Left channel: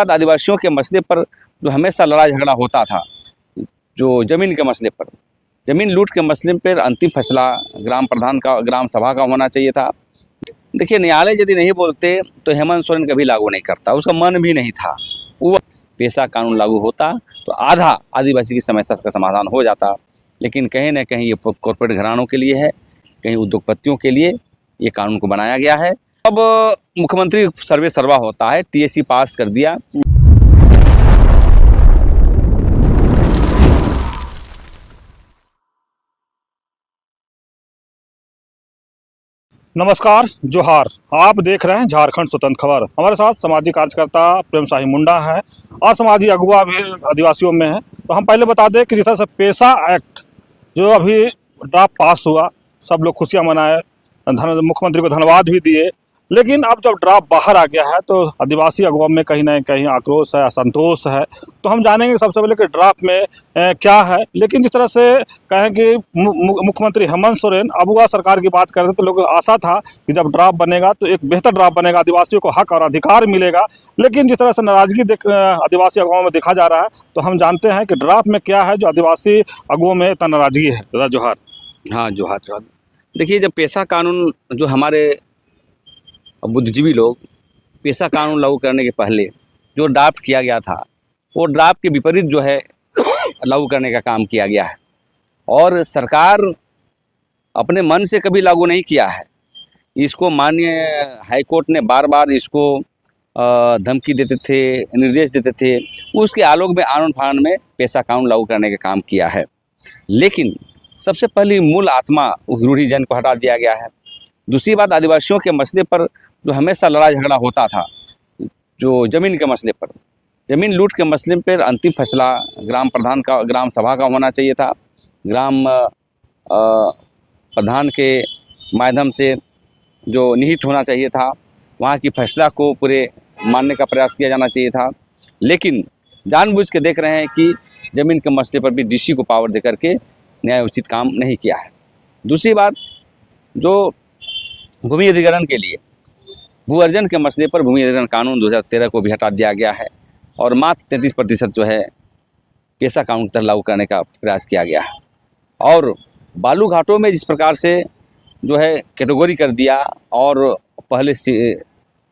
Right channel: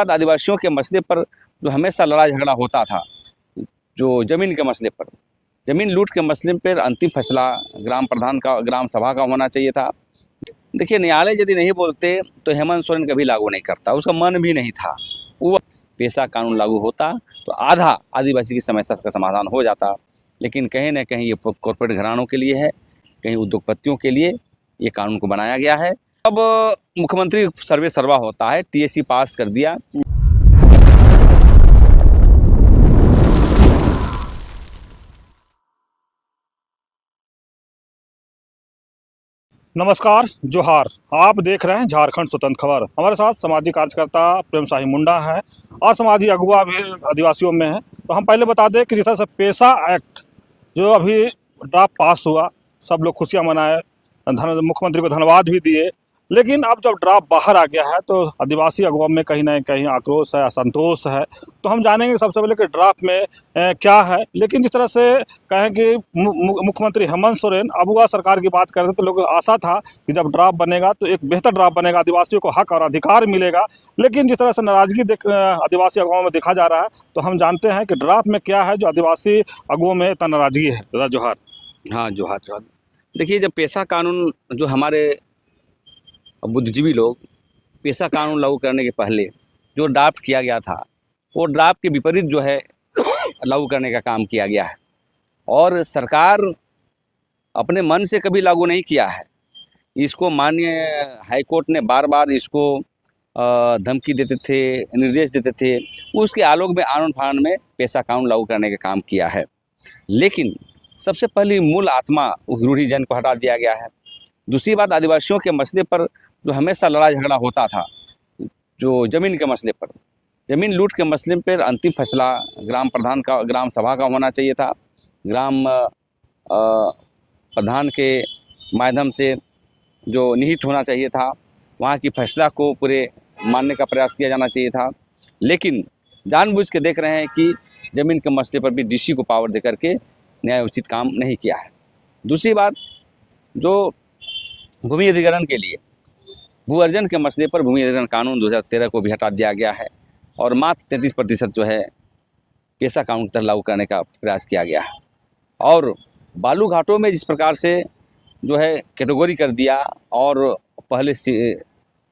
आदिवासियों के मसले पर जो हमेशा लड़ाई झगड़ा होता था, जो ज़मीन के मसले पर, ज़मीन लूट के मसले पर अंतिम फैसला ग्राम प्रधान का, ग्राम सभा का होना चाहिए था। देखिए, न्यायालय यदि नहीं बोलते तो हेमंत सोरेन कभी लागू नहीं करता, उसका मन भी नहीं था। वो पेशा कानून लागू होता तो आधा आदिवासी की समस्या का समाधान हो जाता, लेकिन कहीं ना कहीं ये कॉर्पोरेट घरानों के लिए है, कहीं उद्योगपतियों के लिए ये कानून को बनाया गया है। अब मुख्यमंत्री सर्वे सर्वा होता है, टीएसी पास कर दिया। नमस्कार, जोहार। आप देख रहे हैं झारखंड स्वतंत्र खबर। हमारे साथ सामाजिक कार्यकर्ता प्रेम शाही मुंडा है और सामाजिक अगुवा भी आदिवासियों में है। तो हम पहले बता दें कि जिस तरह से पेशा एक्ट जो अभी ड्राफ्ट पास हुआ, सब लोग खुशियां मनाए, मुख्यमंत्री को धन्यवाद भी दिए, लेकिन अब जब ड्राफ्ट बाहर आ गया है तो आदिवासी अगुवा में कहीं ना कहीं आक्रोश है, असंतोष है। तो हम जानेंगे सबसे पहले कि ड्राफ्ट में क्या है। लेकिन जिस तरह से कहें कि मुख्यमंत्री हेमंत सोरेन अगुवा सरकार की बात कर रहे थे, तो लोगों को आशा था कि जब ड्राफ्ट बनेगा तो एक बेहतर ड्राफ्ट बनेगा, आदिवासियों को हक और अधिकार मिलेगा। लेकिन जिस तरह से नाराजगी आदिवासी अगुवाओं में देखा जा रहा है, तो हम जानते हैं कि ड्राफ्ट में क्या है जो आदिवासी अगुओं में इतना नाराजगी है। दादा जोहार। हाँ, जोहार जोहार। देखिए, जब पेशा कानून, जो हमारे बुद्धिजीवी लोग पेशा कानून लागू करने के पहले जो ड्राफ्ट किया गया था, वो ड्राफ्ट के विपरीत जो है लागू करने का काम किया गया है, और सरकार अपने मन से कभी लागू नहीं किया है। इसको माननीय हाईकोर्ट ने बार बार इसको धमकी देते थे, निर्देश देते थे, उसके आलोक में आनन फानन में पेशा कानून लागू करने का काम किया है। लेकिन सबसे पहली मूल आत्मा रूढ़िजन को हटा दिया गया है। दूसरी बात, आदिवासियों के मसले पर जो हमेशा लड़ाई झगड़ा होता था, जो ज़मीन के मसले पर, ज़मीन लूट के मसले पर अंतिम फैसला ग्राम प्रधान का, ग्राम सभा का होना चाहिए था। ग्राम प्रधान के माध्यम से जो निहित होना चाहिए था, वहाँ की फैसला को पूरे मानने का प्रयास किया जाना चाहिए था। लेकिन जानबूझ के देख रहे हैं कि ज़मीन के मसले पर भी डीसी को पावर दे करके न्याय उचित काम नहीं किया है। दूसरी बात, जो भूमि अधिग्रहण के लिए भू अर्जन के मसले पर भूमि अधिग्रहण कानून 2013 को भी हटा दिया गया है, और मात्र 33% जो है पेशा कानून तक लागू करने का प्रयास किया गया है। और बालू घाटों में जिस प्रकार से जो है कैटेगरी कर दिया, और पहले से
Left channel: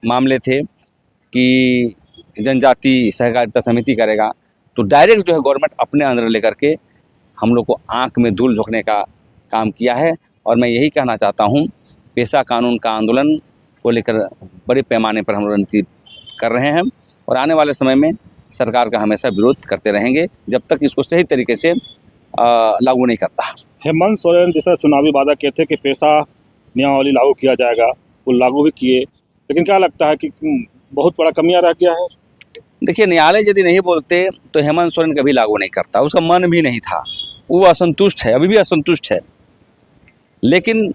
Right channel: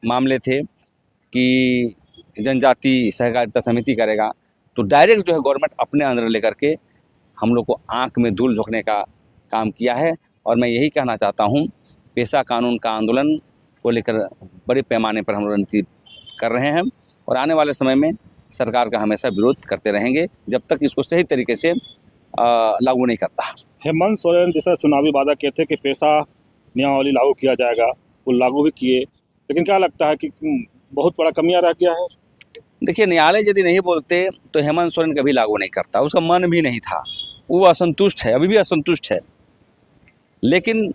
मामले थे कि जनजाति सहकारिता समिति करेगा, तो डायरेक्ट जो है गवर्नमेंट अपने अंदर लेकर के हम लोग को आँख में धूल झोंकने का काम किया है। और मैं यही कहना चाहता हूँ, पेशा कानून का आंदोलन को लेकर बड़े पैमाने पर हम लोग रणनीति कर रहे हैं, और आने वाले समय में सरकार का हमेशा विरोध करते रहेंगे जब तक इसको सही तरीके से लागू नहीं करता। हेमंत सोरेन जिस तरह चुनावी वादा किए थे कि पेशा नियमावली लागू किया जाएगा, वो लागू भी किए, लेकिन क्या लगता है कि बहुत बड़ा कमियां रह गया है? देखिए, न्यायालय यदि नहीं बोलते तो हेमंत सोरेन कभी लागू नहीं करता, उसका मन भी नहीं था। वो असंतुष्ट है, अभी भी असंतुष्ट है। लेकिन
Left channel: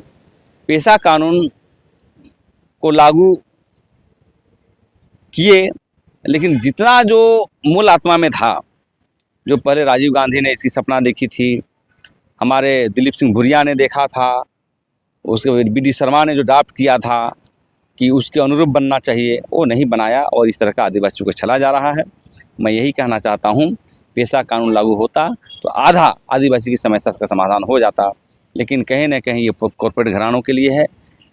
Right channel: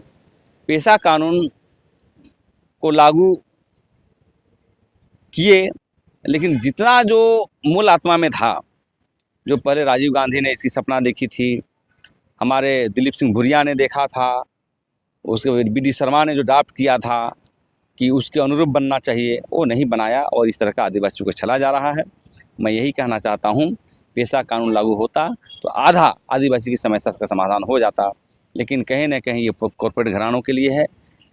पेशा कानून को लागू किए, लेकिन जितना जो मूल आत्मा में था, जो पहले राजीव गांधी ने इसकी सपना देखी थी, हमारे दिलीप सिंह भुरिया ने देखा था, उसके BD शर्मा ने जो ड्राफ्ट किया था कि उसके अनुरूप बनना चाहिए, वो नहीं बनाया, और इस तरह का आदिवासियों को चला जा रहा है। मैं यही कहना चाहता हूँ, पेशा कानून लागू होता तो आधा आदिवासी की समस्या का समाधान हो जाता, लेकिन कहीं ना कहीं ये कॉर्पोरेट घरानों के लिए है,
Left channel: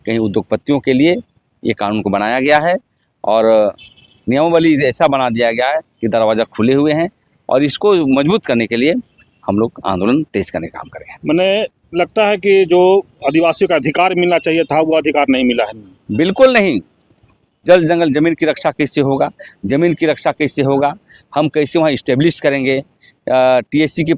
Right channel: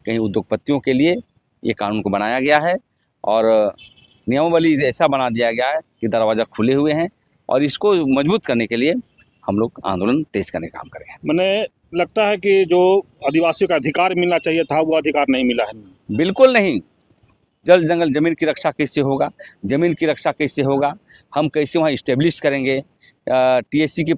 कहीं उद्योगपतियों के लिए ये कानून को बनाया गया है, और नियमावली ऐसा बना दिया गया है कि दरवाज़ा खुले हुए हैं, और इसको मजबूत करने के लिए हम लोग आंदोलन तेज करने का काम करेंगे। मैंने लगता है कि जो आदिवासियों का अधिकार मिलना चाहिए था, वो अधिकार नहीं मिला है। बिल्कुल नहीं। जल जंगल ज़मीन की रक्षा कैसे होगा? ज़मीन की रक्षा कैसे होगा? हम कैसे वहाँ इस्टेब्लिश करेंगे? TSC की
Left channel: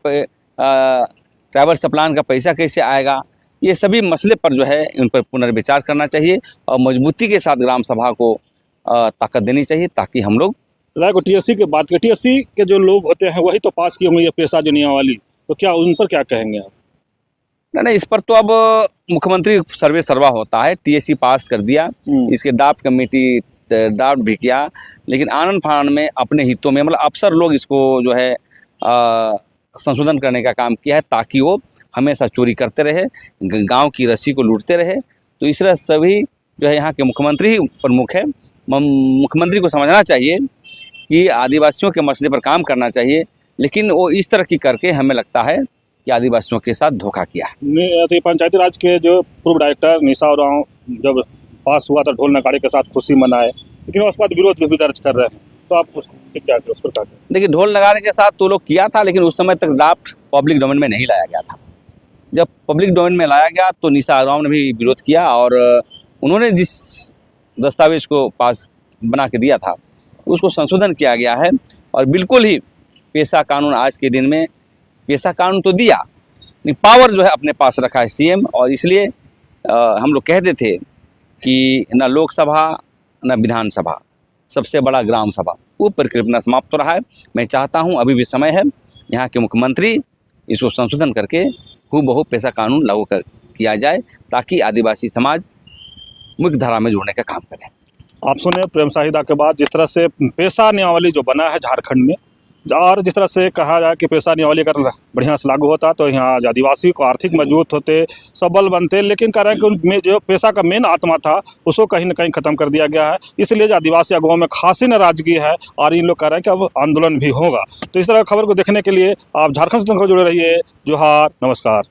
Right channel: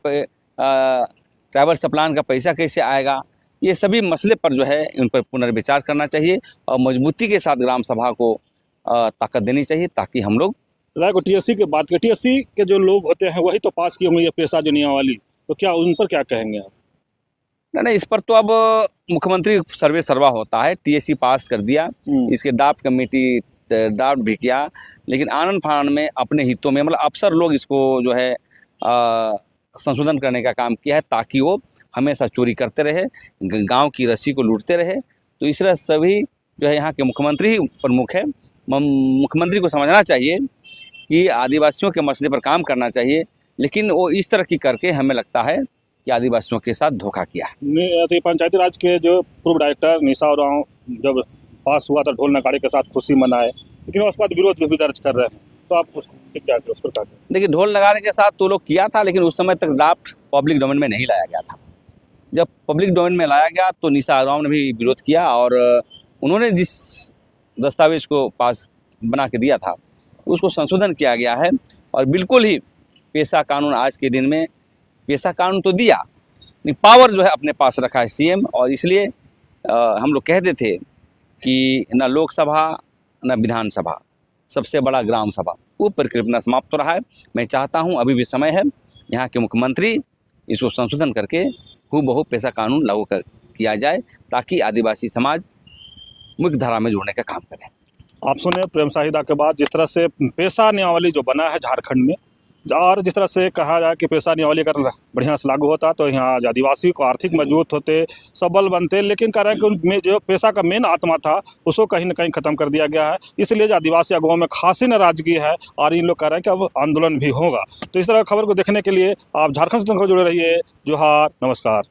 ट्राइबल प्लान का पैसा कैसे आएगा? ये सभी मसले पर जो है इन पर पुनर्विचार करना चाहिए, और मजबूती के साथ ग्राम सभा को ताकत देनी चाहिए, ताकि हम लोग TSC की बात करें, TSC के जो लोग होते हैं वही तो पास किए होंगे ये पेशा जो नियमावली, तो क्या उन पर क्या कहेंगे आप? नहीं, इस पर तो अब मुख्यमंत्री सर्वे सर्वा होता है, TSC पास कर दिया, इसके ड्राफ्ट कमेटी ड्राफ्ट भी किया, लेकिन आनन फानन में अपने हितों में, मतलब अफसर लोग इसको जो है संशोधन करने का काम किया है, ताकि वो हमेशा चोरी करते रहे, गांव की रस्सी को लूटते रहे। तो इस तरह सभी जो है यहाँ के मुख्यमंत्री ही प्रमुख है। मुख्यमंत्री को समझना चाहिए कि आदिवासियों के मसले पर काम करना चाहिए, लेकिन वो इस तरह की करके हमें लगता है कि आदिवासियों के साथ धोखा किया है। पंचायती राज के जो पूर्व डायरेक्टर निशा उरांव जब पास हुआ था ढोल नगाड़े के साथ खुशी मनाए, लेकिन उसके बाद विरोध भी दर्ज कर रहे हैं, तो आप उस पर क्या कहें? देखिए, ढोल नगाड़े के साथ तो लोग किया था, लेकिन उस समय तक ड्राफ्ट पब्लिक डोमेन में नहीं लाया गया था। जब पब्लिक डोमेन में लाया गया तो निशा उरांव ने भी विरोध किया, और उन्होंने जिस दस्तावेज को पास बना के दिया था उसको संशोधन किया गया है। और बिल्कुल ही पेशा कानून आज के दिन में, पेशा कानून तो दिया, नहीं पावर जो है अपने पास रखा है सीएम, और इसलिए हम लोग कहते थे कि न लोकसभा न विधानसभा, सबसे बड़ा ग्राम सभा, वो परिकल्पना समाप्त हो रहा है। मैं चाहता हूं अभी भी समय है, यहाँ के मुख्यमंत्री इसको संशोधन करके हूबहू पेशा कानून लागू किया जाए, ताकि आदिवासी समाज मुख्य धारा में जुड़ने का काम करे। आप सुने प्रेम साहिदा के बाद जिस तरह से पेशा नियमावली जो बना है झारखंड में, और जिस तरह से कहा जाए कि पेशा नियमावली अगर बढ़िया से लागू होता तो यहाँ आदिवासी को आर्थिक मजबूत होते, सबल बनते, लेकिन कह रहे हैं कि उनमें जो पेशा का मेन आत्मा था उसको कहीं ना कहीं ख़त्म कर दिया गया है। इसलिए जो आदिवासी अगुओं में खासी नाराजगी है, और इन लोग कह रहे हैं कि अब आंदोलन भी होगा। तो इस तरह खबर को देखने के लिए आप झारखंड से जुड़े रहिए। जोहार, नमस्कार।